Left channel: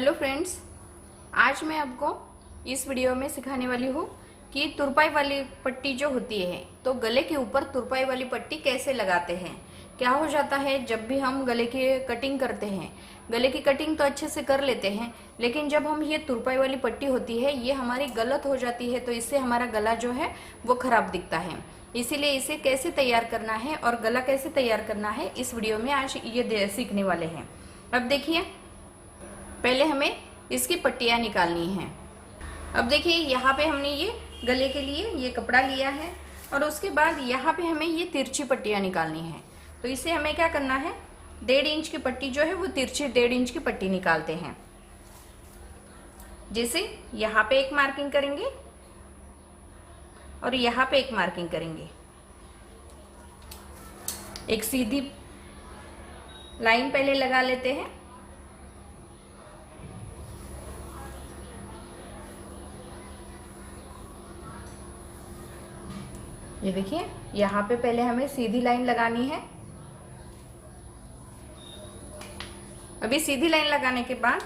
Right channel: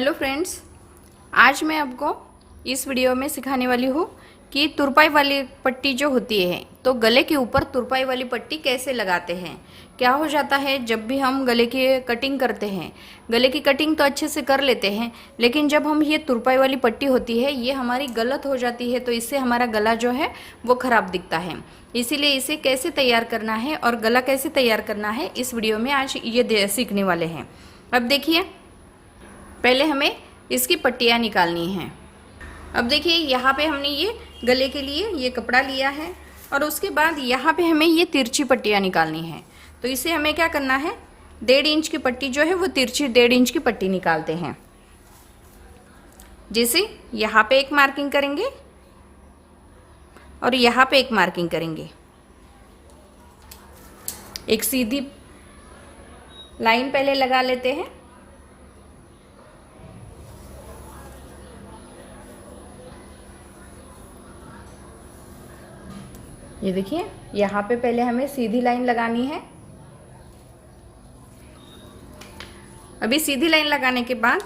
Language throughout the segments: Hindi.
हेलो फ्रेंड्स, आज मैं आपको इस वीडियो में सिखाने वाली हूँ कि तुरपाई वाली पट्टी जो होती है तो गले के ऊपर तुरपाई वाली पट्टी कैसे लगाते हैं। क्या हो जाता है, जब भी हम गले की कटिंग करते हैं, गले की कटिंग तो अच्छे से कर लेते हैं, लेकिन जब हम ये तुरपाई वाली पट्टी होती है ये हमारी गलत हो जाती है तो इससे हमारा गला जो है वो ख़राब दिखता है। इसीलिए इसे कैसे तैयार करना है और गला कैसे तैयार करना है इस वीडियो में आज ये सीखने वाले हैं। अब देखिए, पहले हमें इसकी पट्टियाँ निकालनी हैं। अब देखिए, यहाँ पे हमने ये गले के लिए ये कपड़ा लिया है और उसके बाद यहाँ पे हमें ये तिरछी पट्टियाँ निकालनी है। तो इसे हमें क्या करना है, 1.5 इंच की पट्टी जो है वो तिरछी 1.5 इंच की पट्टी निकालते हैं। जैसे यहाँ पे एक मार्किंग करेंगे और यहाँ पे एक मार्किंग करेंगे, एक सीधी लाइन पहले लगा लेते हैं। ये देखिए, यहाँ पे पहले हमें सीधी लाइन लगानी है। अभी सीधी लाइन लगाने के बाद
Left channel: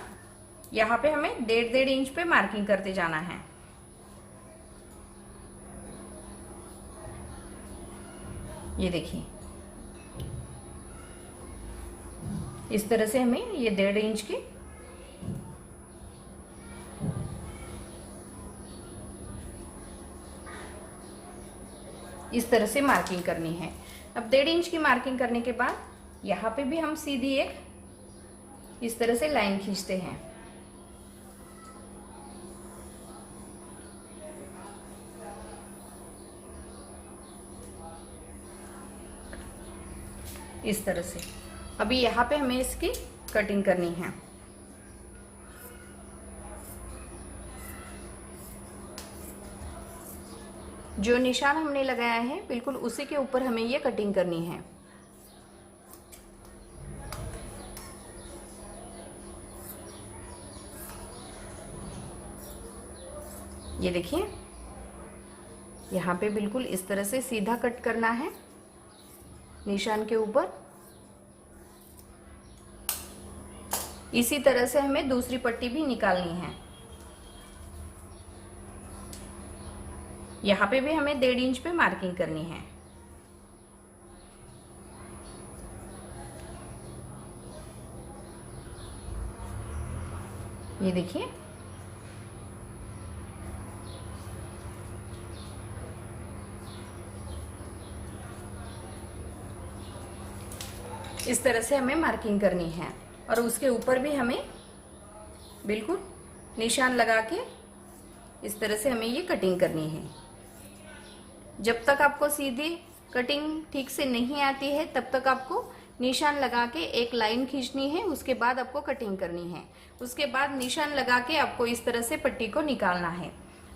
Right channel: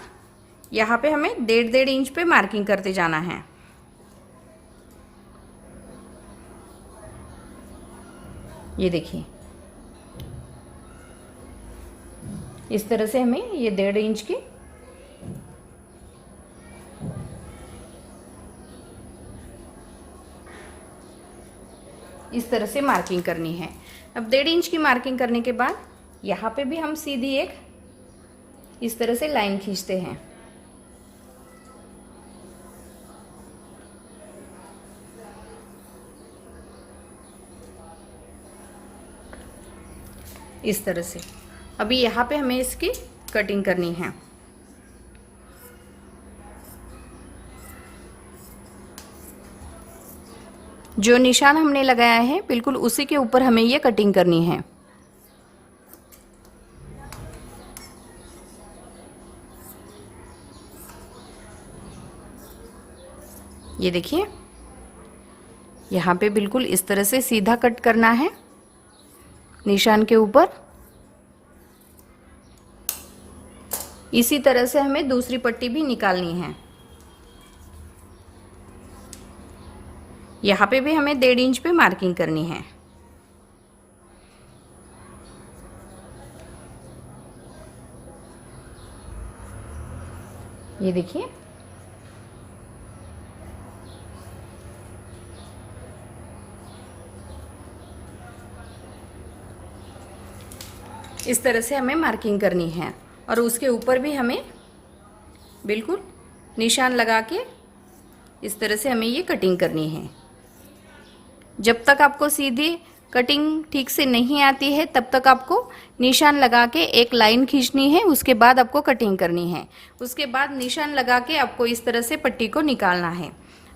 यहाँ पे हमें 1.5 इंच पे मार्किंग करते जाना है। ये देखिए, इस तरह से हमें ये 1.5 इंच की इस तरह से मार्किंग करनी है। अब 1.5 इंच की मार्किंग करने के बाद यहाँ पे भी हम सीधी एक इस तरह से लाइन खींचते हैं। इस तरह से अभी यहाँ पे हमें इसकी कटिंग करनी है। जो निशान हमने लगाया है बिल्कुल उसी के ऊपर हमें ये कटिंग करनी है। ये देखिए, यहाँ पे बिल्कुल इस तरह से सीधा कट करना है निशान के ऊपर। इसी तरह से हमें दूसरी पट्टी भी निकालनी है। यहाँ पे भी हमें 1.5 इंच पे मार्किंग करनी है। ये देखिए, इस तरह से हमें मार्किंग करनी है और उसके ऊपर भी हमें बिल्कुल निशान लगा के इस तरह से हमें ये कटिंग करनी है। जब तक आपको सीधी कटिंग ठीक से नहीं आती है तब तक आपको निशान लगा के एक लाइन खींचनी है, उसके बाद आपको कटिंग करनी है। उसके बाद निशान लगा के आपको इस तरह से पट्टी को निकालना है।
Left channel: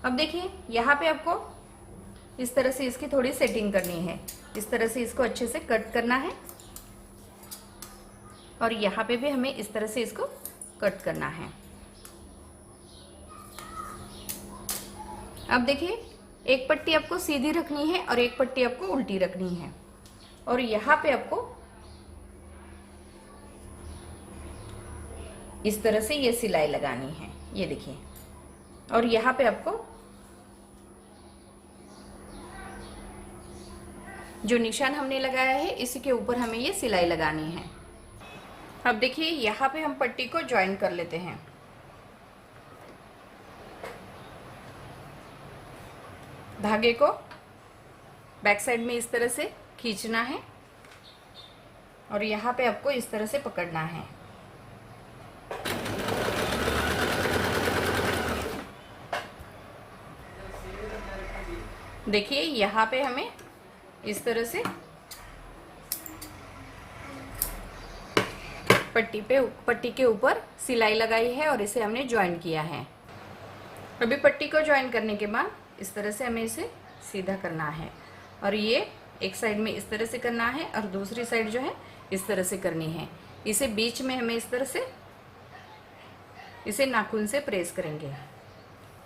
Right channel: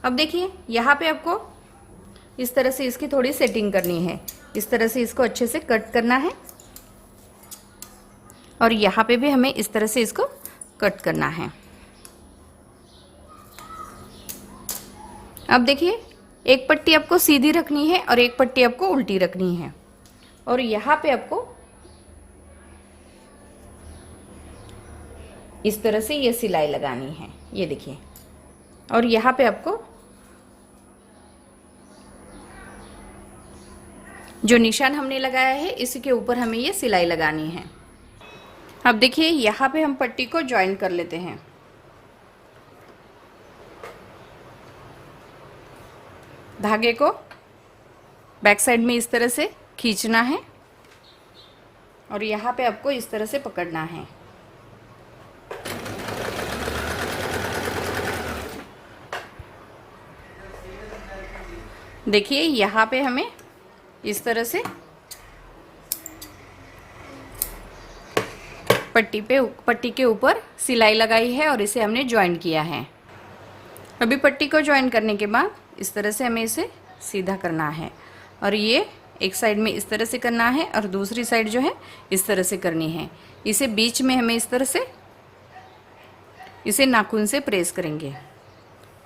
अब देखिए, यहाँ पे आपको इस तरह से इसकी थोड़ी सेटिंग करनी है। इस तरह से इसको अच्छे से कट करना है और यहाँ पे भी हमें इस तरह से इसको कट करना है। अब देखिए, एक पट्टी आपको सीधी रखनी है और एक पट्टी आपको उल्टी रखनी है और यहाँ पे आपको इस तरह से ये सिलाई लगानी है। ये देखिए, और यहाँ पे आपको जो निशान हमने लगाया है इसी के ऊपर हमें ये सिलाई लगानी है। अब देखिए, यहाँ पे हम पट्टी को ज्वाइन कर लेते हैं। धागे को बैक साइड में इस तरह से खींचना है और यहाँ पे आपको इस तरह से पकड़ना है। देखिए, यहाँ पे हमें इस तरह से पट्टी के ऊपर सिलाई लगाई है और इसे हमने ज्वाइन किया है। अभी पट्टी को ज्वाइन करने के बाद इस तरह से हमें इसे सीधा करना है और ये एक साइड में इस तरह से करना है और दूसरी साइड जो है इस तरह से करनी है। इसे बीच में हमें इस तरह से इसे नाखून से प्रेस करेंगे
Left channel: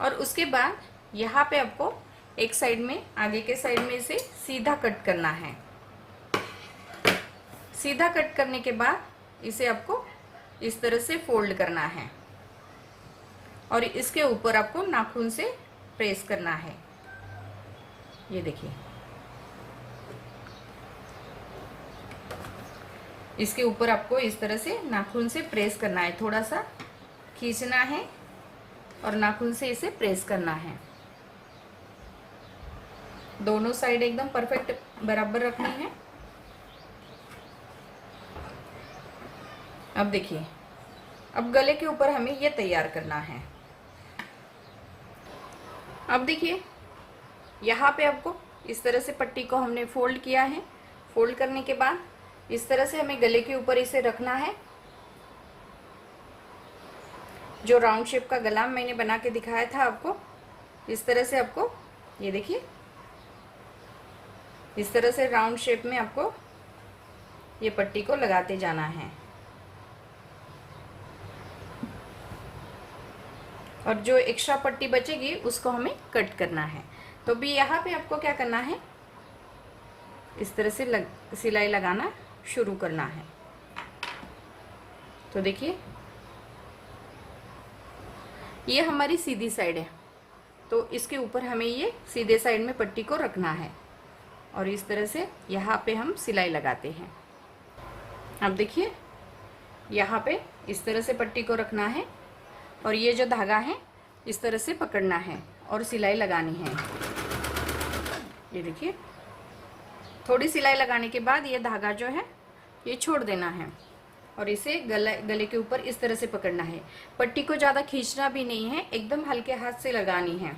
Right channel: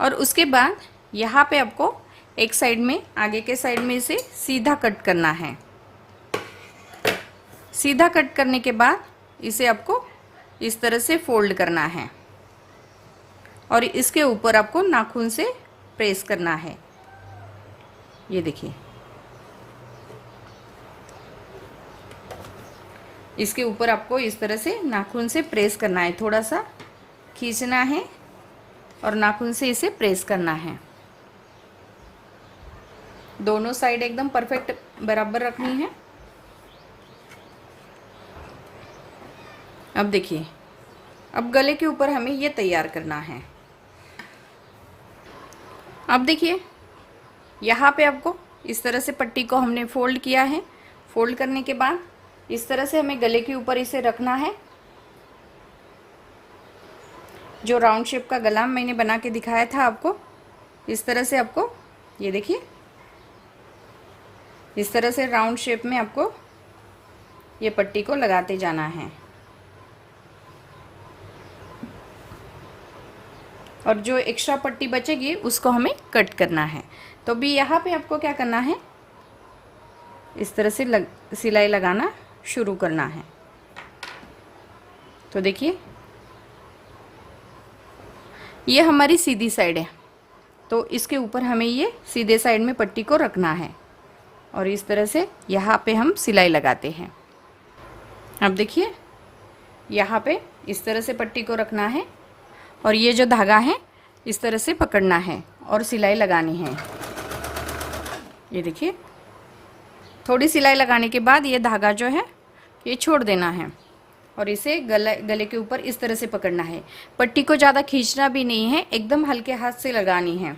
और उसके बाद यहाँ पे आपको एक साइड में, आगे के साइड में इसे सीधा कट करना है। सीधा कट करने के बाद इसे आपको इस तरह से फोल्ड करना है। और इसके ऊपर आपको नाखून से प्रेस करना है। ये देखिए, इसके ऊपर आपको इस तरह से नाखून से प्रेस करना है, थोड़ा सा खींचना है और नाखून से इसे प्रेस करना है। दोनों साइड एकदम परफेक्ट बराबर रखनी है। अब देखिए, अब गले के ऊपर हमें ये तैयार करना है। अब देखिए, यहाँ पे आपको इस तरह से पट्टी को हमने फोल्ड किया है। फोल्ड करने के बाद इस तरह से हमें गले के ऊपर इसे रखना है। जो राउंड शेप का गला मैंने बना के दिखाया था आपको, इस तरह से आपको, ये देखिए, इस तरह से राउंड शेप में आपको ये पट्टी को लगाते जाना है। और जो एक्स्ट्रा पट्टी बचेगी उसको हमें कट करना है। तो अभी यहाँ पे आपको क्या करना है, इस तरह से सिलाई लगाना शुरू करना है। तो देखिए, ये हमारी सीधी साइड है, तो इसके ऊपर हमें ये सीधे साइड में पट्टी को रखना है और इस तरह से यहाँ पे हम सिलाई लगाते हैं। अब देखिए, यहाँ पे इस तरह से पट्टी को रखना है और ये जो धागा है इस तरह से पकड़ना है और सिलाई लगानी है। ये देखिए, थोड़ी सिलाई लगाने के बाद ये धागा जो है ये छोड़ देना है और इसे गले के ऊपर इस तरह से पकड़ना है। पट्टी को ज़्यादा खींचना भी नहीं है, एकदम हल्के हाथ से लगानी है।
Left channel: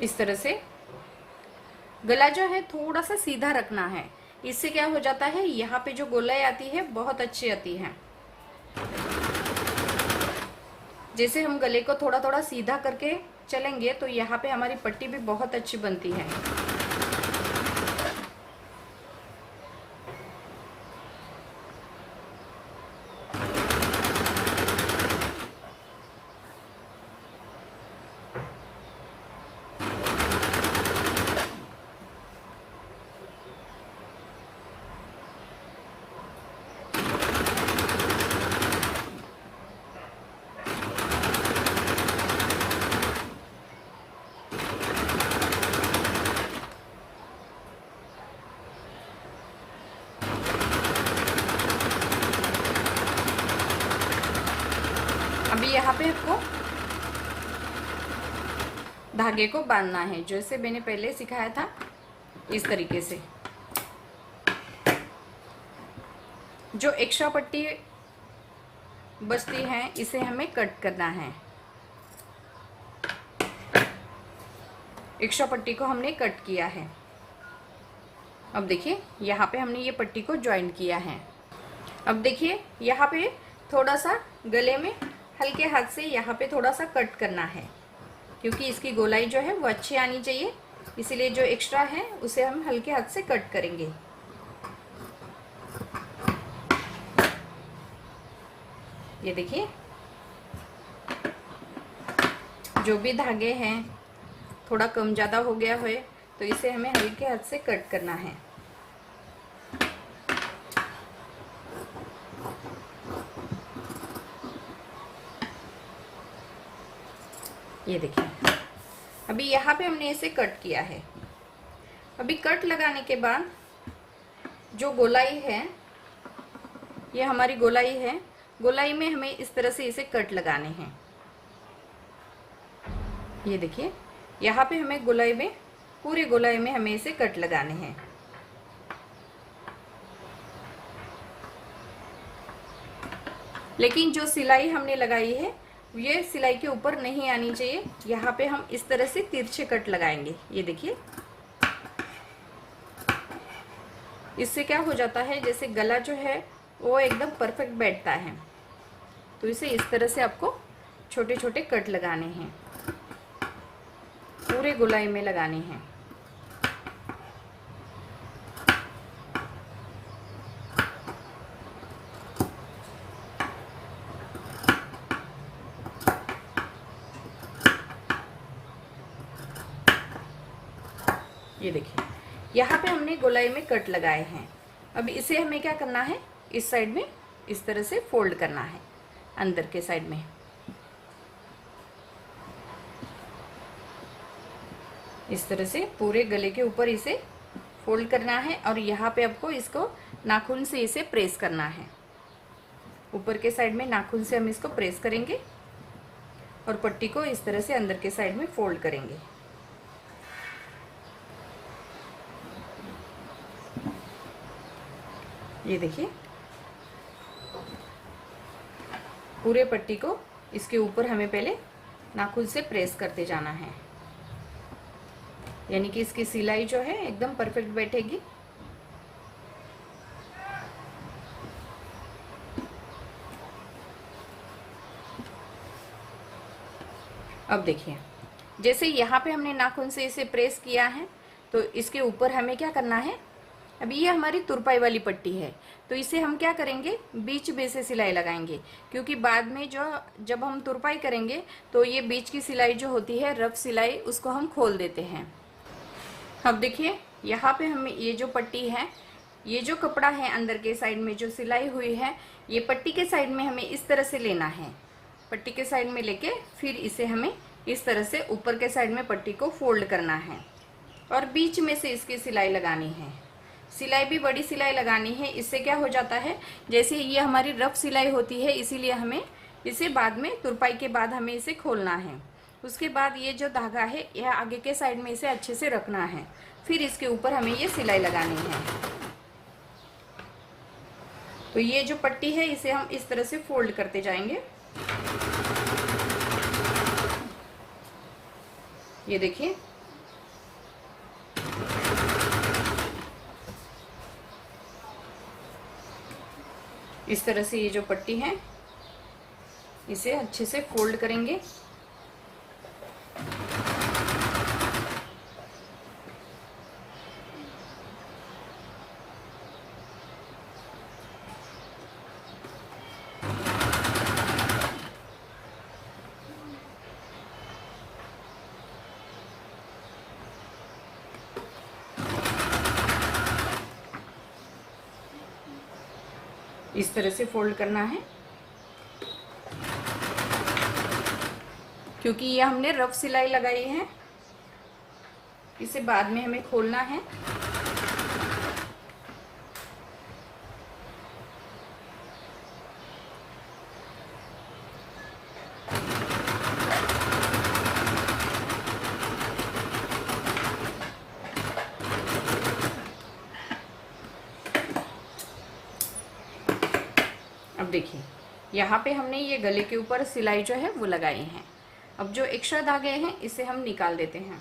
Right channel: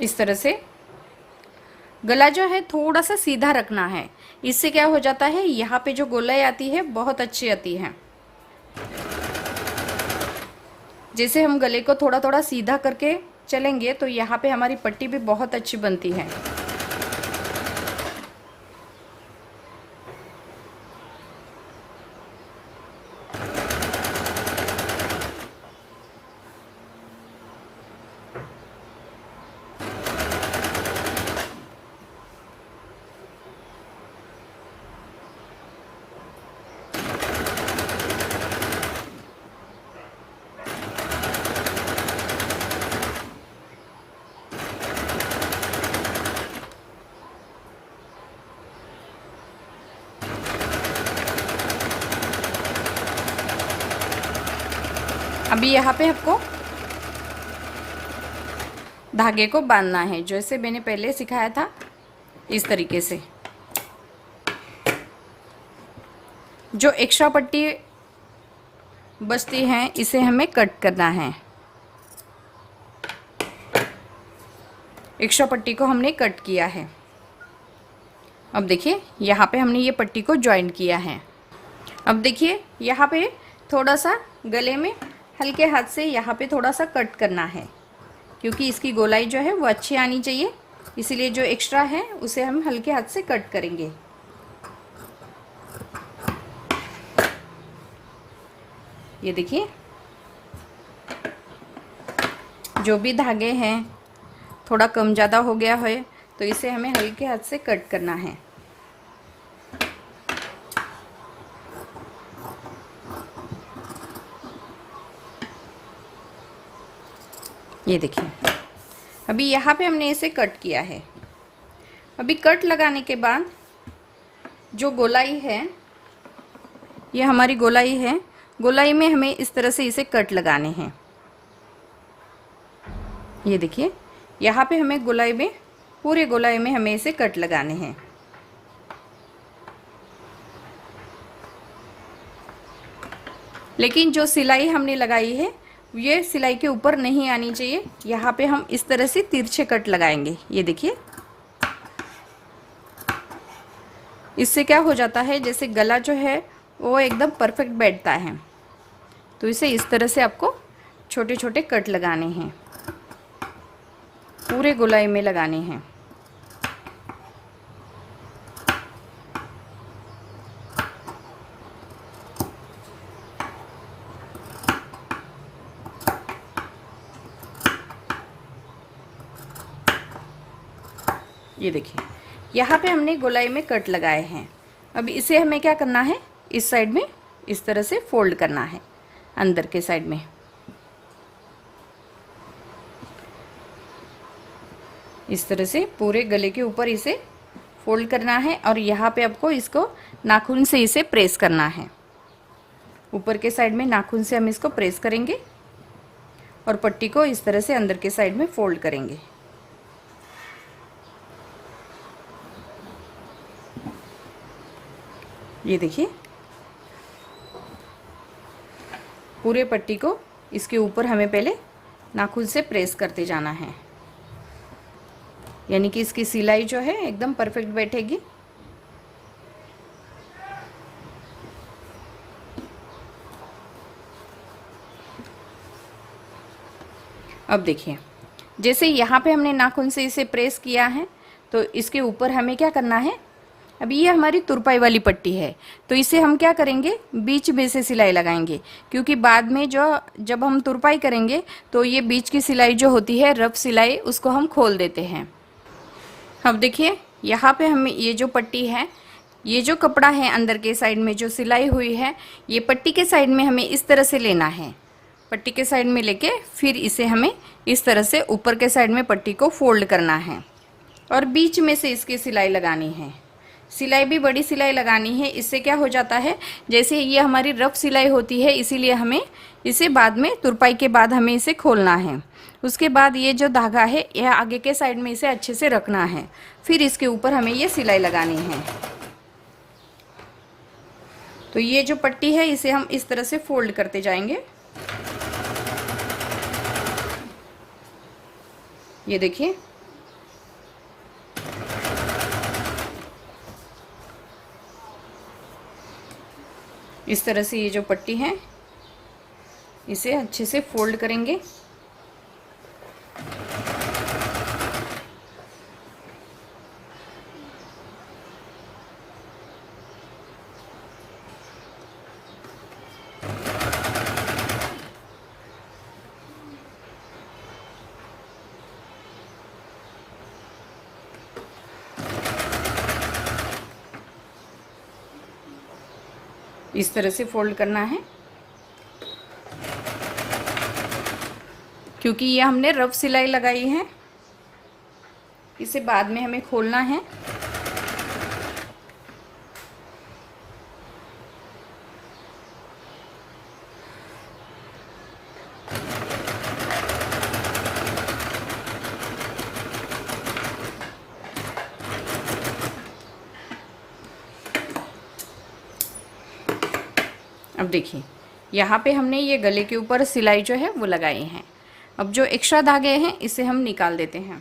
इस तरह से गला जो है थोड़ा सा सीधा रखना है। इससे क्या हो जाता है, यहाँ पे जो गोलाई आती है बहुत अच्छी आती है। जैसे हम गले को थोड़ा थोड़ा सीधा करके चलेंगे तो यहाँ पे हमारी पट्टी भी बहुत अच्छी बनती है। अभी यहाँ पे आपको धागे को बांधना है, जैसे मैंने पहले सिखाया था इस तरीके से। जो एक्स्ट्रा पट्टी बचती है इसे हमें कट करना है। एक्स्ट्रा पट्टी को हमने कट किया है। अब देखिए, यहाँ पे हमने ये पट्टी को जॉइंट किया है। अब देखिए, यहाँ पे थोड़ा सा गले में हल्के हाथ से यहाँ पे थोड़ा सा कट करना है, क्योंकि इसकी गोलाई जो है वो अच्छी आनी चाहिए। इसीलिए जो एक्स्ट्रा है उसे हम हल्के हाथ से कट करेंगे। ये देखिए, जो भी धागे हैं थोड़ा कम ज़्यादा हो गया है तो इसे हमें हल्के हाथ से कट करना है। ये देखिए, अभी यहाँ पे हमने इसे कट किया है। अभी कट लगाने के बाद जो गोलाई है, ये हमारी गोलाई है, गोलाई में हमें इस तरह से इसे कट लगाने हैं। ये देखिए, यहाँ पे हमें गोलाई में, पूरे गोलाई में हमें इसे कट लगाने हैं। लेकिन जो सिलाई हमने लगाई है ये सिलाई के ऊपर नहीं आनी चाहिए। यहाँ पे हम इस तरह से तिरछे कट लगाएंगे। ये देखिए, इससे क्या हो जाता है, जैसे गला जो है वो एकदम परफेक्ट बैठता है। तो इसे इस तरह से आपको छोटे छोटे कट लगाने हैं, पूरे गोलाई में लगाने हैं। ये देखिए यहाँ पे हमने गोलाई में कट लगाए हैं। अब इसे हमें क्या करना है, इस साइड में इस तरह से फोल्ड करना है, अंदर के साइड में इस तरह से पूरे गले के ऊपर इसे फोल्ड करना है। और यहाँ पे आपको इसको नाखून से इसे प्रेस करना है, ऊपर के साइड में नाखून से हम इसको प्रेस करेंगे और पट्टी को इस तरह से अंदर के साइड में फोल्ड करेंगे। ये देखिए पूरे पट्टी को इसके ऊपर हमें पहले नाखून से प्रेस करते जाना है, यानी कि इसकी सिलाई जो है एकदम परफेक्ट बैठेगी। अब देखिए जैसे यहाँ पे हमने नाखून से इसे प्रेस किया है, तो इसके ऊपर हमें क्या करना है, अब ये हमारी तुरपाई वाली पट्टी है, तो इसे हम क्या करेंगे, बीच में से सिलाई लगाएंगे, क्योंकि बाद में जब हम तुरपाई करेंगे तो ये बीच की सिलाई जो होती है, रफ सिलाई, उसको हम खोल देते हैं। अब देखिए यहाँ पे हमें ये जो पट्टी है, ये जो कपड़ा है अंदर के साइड में जो सिलाई हुई है, ये पट्टी के साइड में हमें इस तरह से लेना है। पट्टी के साइड में लेके फिर इसे हमें इस तरह से ऊपर के साइड में पट्टी को फोल्ड करना है और बीच में से इसकी सिलाई लगानी है। सिलाई भी बड़ी सिलाई लगानी है, इससे क्या हो जाता है, जैसे ये हमारी रफ सिलाई होती है, इसीलिए हमें इसे बाद में तुरपाई के बाद हमें इसे खोलना है। उसके बाद ये जो धागा है यह आगे के साइड में इसे अच्छे से रखना है, फिर इसके ऊपर हमें ये सिलाई लगानी है। तो ये जो पट्टी है इसे हम इस तरह से फोल्ड करते जाएंगे। ये देखिए इस तरह से ये जो पट्टी है इसे अच्छे से फोल्ड करेंगे। इस तरह से फोल्ड करना है, क्योंकि ये हमने रफ सिलाई लगाई है, इसे बाद में हमें खोलना है। अब देखिए यहाँ पे हमने ये गले के ऊपर सिलाई जो है वो लगाए हैं। अब जो एक्स्ट्रा धागे हैं इसे हम निकाल देते हैं।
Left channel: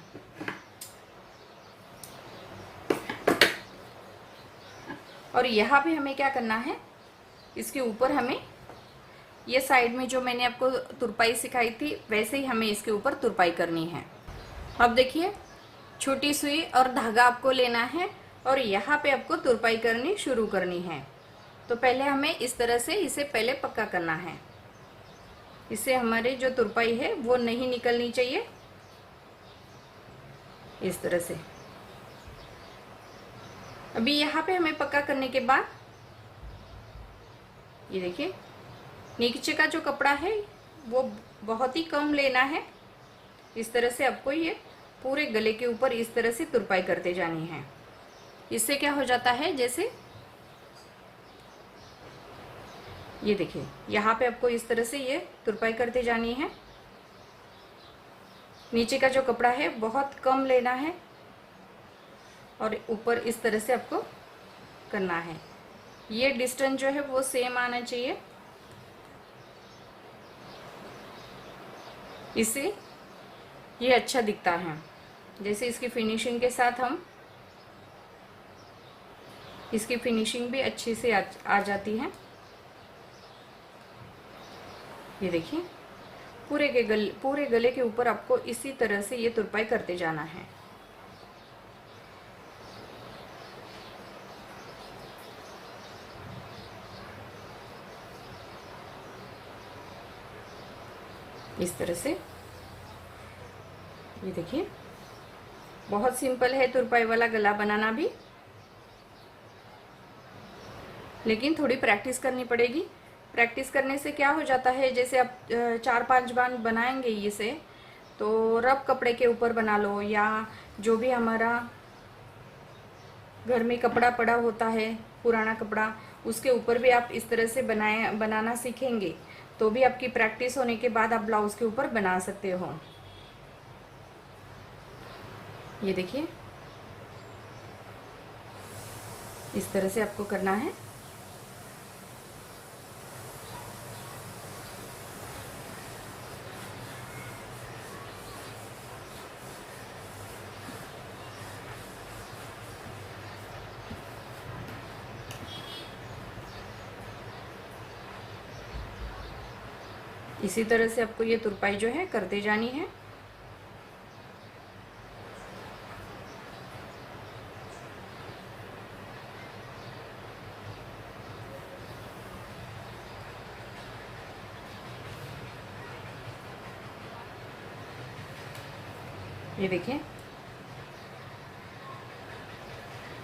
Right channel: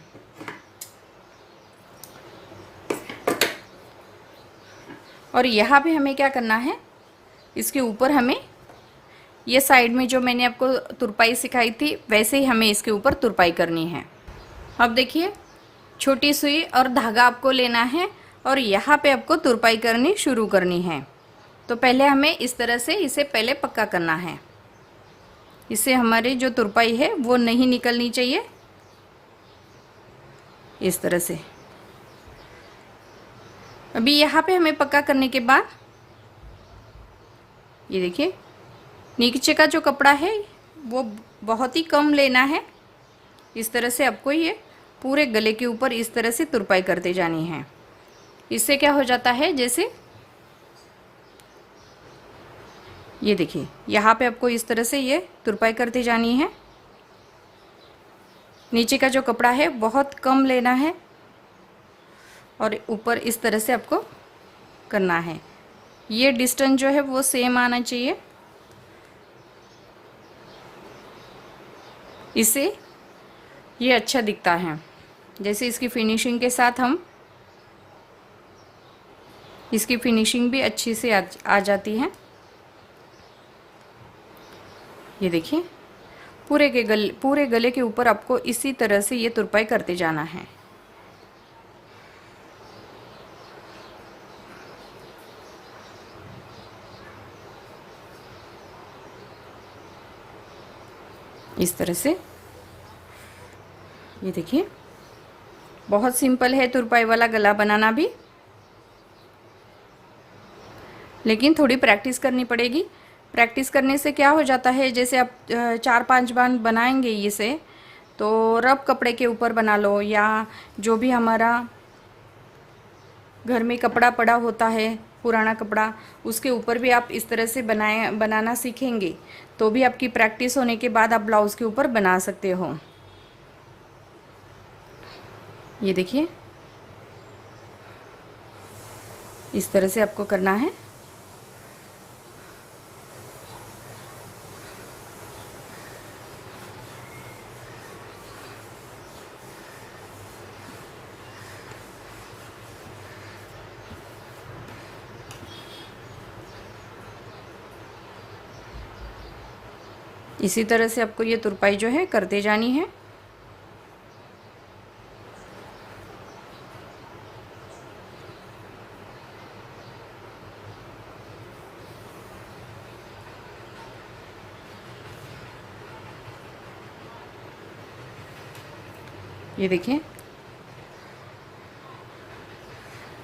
और यहाँ पे हमें क्या करना है, इसके ऊपर हमें ये साइड में जो मैंने आपको तुरपाई सिखाई थी वैसे ही हमें इसके ऊपर तुरपाई करनी है। अब देखिए छोटी सुई और धागा आपको लेना है और यहाँ पे आपको तुरपाई करनी शुरू करनी है। तो पहले हमें इस तरह से इसे पहले पक्का करना है, इससे हमारी जो तुरपाई है वो नहीं निकलनी चाहिए। इस तरह से अभी यहाँ पे हमें पक्का करने के बाद ये देखिए नीचे का जो कपड़ा है वो बहुत ही कम लेना है। इस तरह से आपको ये पूरे गले के ऊपर इस तरह से तुरपाई करते जानी है। इससे क्या हो जाता है, जैसे ये देखिए यहाँ पे आपको इस तरह से ये तुरपाई करती जानी है। नीचे का जो कपड़ा है बहुत कम लेना है और ऊपर इस तरह से आपको करना है। ये डिस्टेंस जो है वो सेम आना चाहिए, इससे ये अच्छा दिखता है। जैसे इसकी फिनिशिंग के साथ हम इसकी फिनिशिंग भी अच्छी से आ जाती है। ये देखिए पूरे गले के ऊपर आपको इसी तरह से ये तुरपाई करते जाना है। इस तरह से ये देखिए बहुत सिंपल है तुरपाई वाला गला बनाना भी, लेकिन थोड़ी प्रैक्टिस करनी पड़ेगी। प्रैक्टिस करने से क्या हो जाता है, जैसे आप 4-5 बार बनाएंगे इसे, तो रफ कपड़े के ऊपर बना लो या जो भी हमारा घर में कपड़ा पड़ा होता है, पुराना कपड़ा, उसके ऊपर भी आप इस तरह से बनाना सीखेंगे तो भी आपकी प्रैक्टिस होने के बाद आप ब्लाउज़ के ऊपर बना सकते हो। ये देखिए, इस तरह से आपको करना है। इसी तरह से आपको ये तुरपाई जो है करते जानी है। ये देखिए,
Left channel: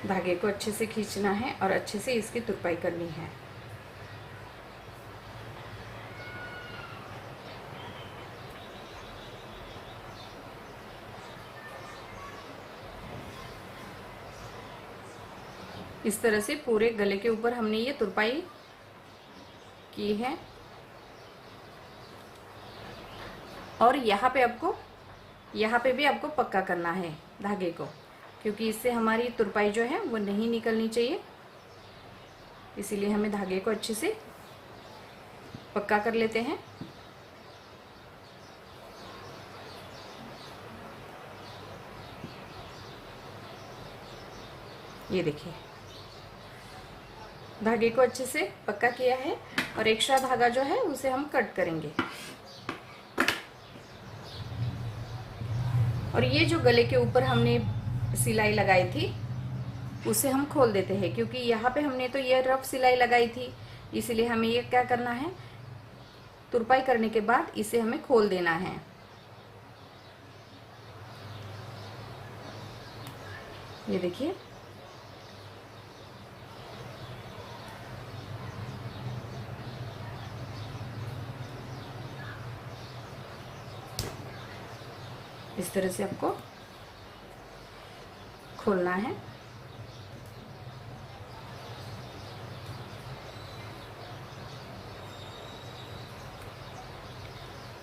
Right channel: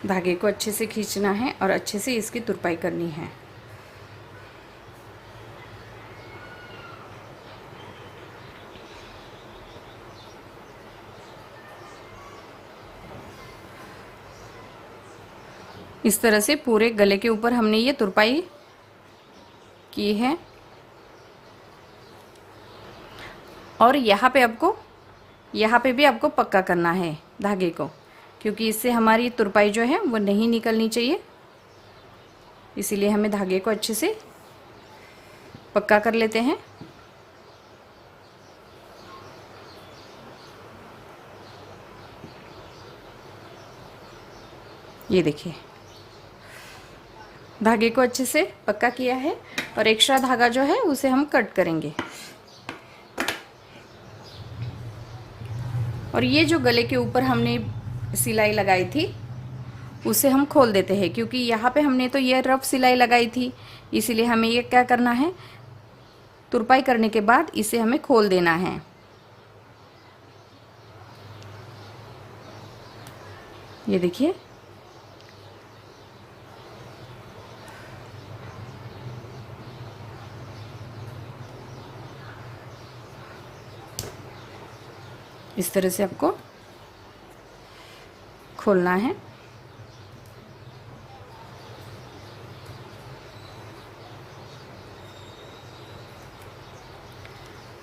धागे को अच्छे से खींचना है और अच्छे से इसकी तुरपाई करनी है। इस तरह से पूरे गले के ऊपर हमने ये तुरपाई की है। और यहाँ पे भी आपको पक्का करना है धागे को, क्योंकि इससे हमारी तुरपाई जो है वो नहीं निकलनी चाहिए। इसीलिए हमें धागे को अच्छे से पक्का कर लेते हैं। ये देखिए, धागे को अच्छे से पक्का किया है और एक्स्ट्रा धागा जो है उसे हम कट करेंगे। और ये जो गले के ऊपर हमने सिलाई लगाई थी उसे हम खोल देते हैं, क्योंकि यहाँ पे हमने तो ये रफ सिलाई लगाई थी, इसीलिए हमें ये क्या करना है, तुरपाई करने के बाद इसे हमें खोल देना है। ये देखिए, इस तरह से आपको खोलना है।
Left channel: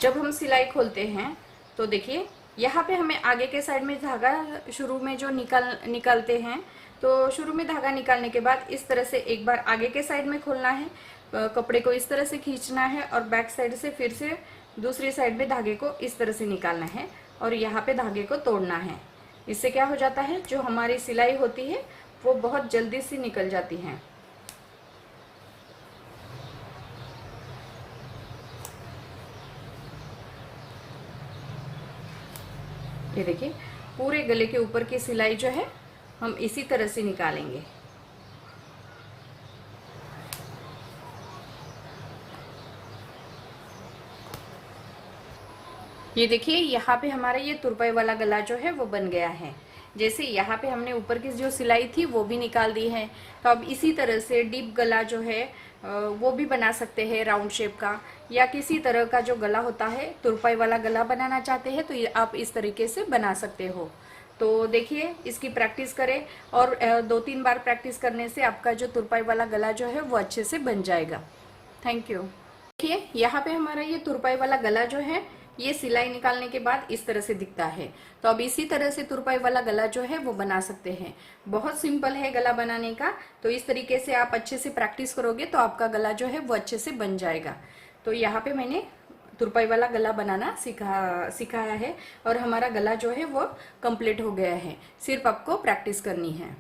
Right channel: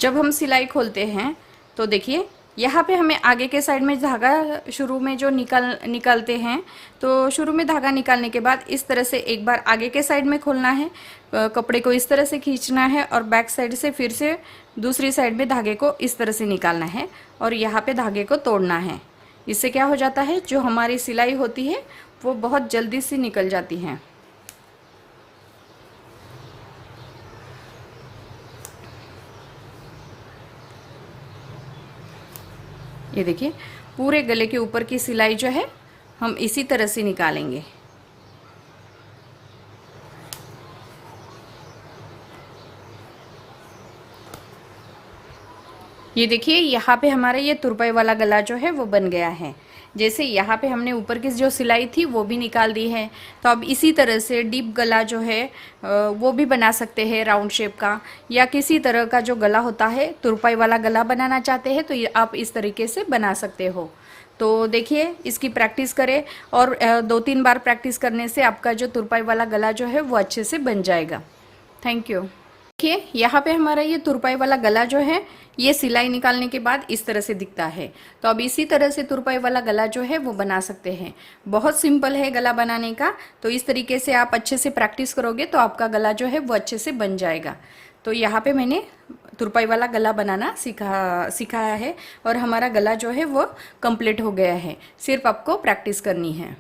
जब हम सिलाई खोलते हैं तो देखिए, यहाँ पे हमें आगे के साइड में धागा शुरू में जो निकालते हैं, तो शुरू में धागा निकालने के बाद इस तरह से एक बार आगे के साइड में खोलना है, कपड़े को इस तरह से खींचना है और बैक साइड से फिर से दूसरी साइड में धागे को इस तरह से निकालना है और यहाँ पे धागे को तोड़ना है। इससे क्या हो जाता है, जो हमारी सिलाई होती है वो बहुत जल्दी से निकल जाती है। ये देखिए, पूरे गले के ऊपर की सिलाई जो है हम इसी तरह से निकालेंगे। ये देखिए, यहाँ पे हमारा ये तुरपाई वाला गला जो है वो बन गया है। जैसे यहाँ पे हमने ऊपर की जो सिलाई थी वो भी निकाल दी है, तो अब इसी तरह से डीप गला जो है वो भी बना सकते हैं, राउंड शेप का, या किसी तरह का जो गला होता है, तुरपाई वाला गला बनाना चाहते हैं तो ये आप इस तरीके से बना सकते हो। तो देखिए, इसकी प्रैक्टिस करें और 2-3 बार प्रैक्टिस करने से आपका जो तुरपाई वाला गला जो है वो अच्छे से बन जाएगा। Thank you. देखिए, यहाँ पे हमारा ये तुरपाई वाला गला जो है ये सिलाई निकालने के बाद इस तरह से दिखता है। तो अब इसी तरह से तुरपाई वाला गला जो है वो बना सकते हैं। बहुत सिंपल है गला बनाने का, तो इस तरीके से आप अच्छे से प्रैक्टिस करोगे तो आपका गला जो है वो अच्छे से बन जाएगा। तो यहाँ पे मैंने तुरपाई वाला गला बनाना सिखाया है और हमारा गला जो है वो कंप्लीट हो गया है। सिर्फ आपको प्रैक्टिस करनी है।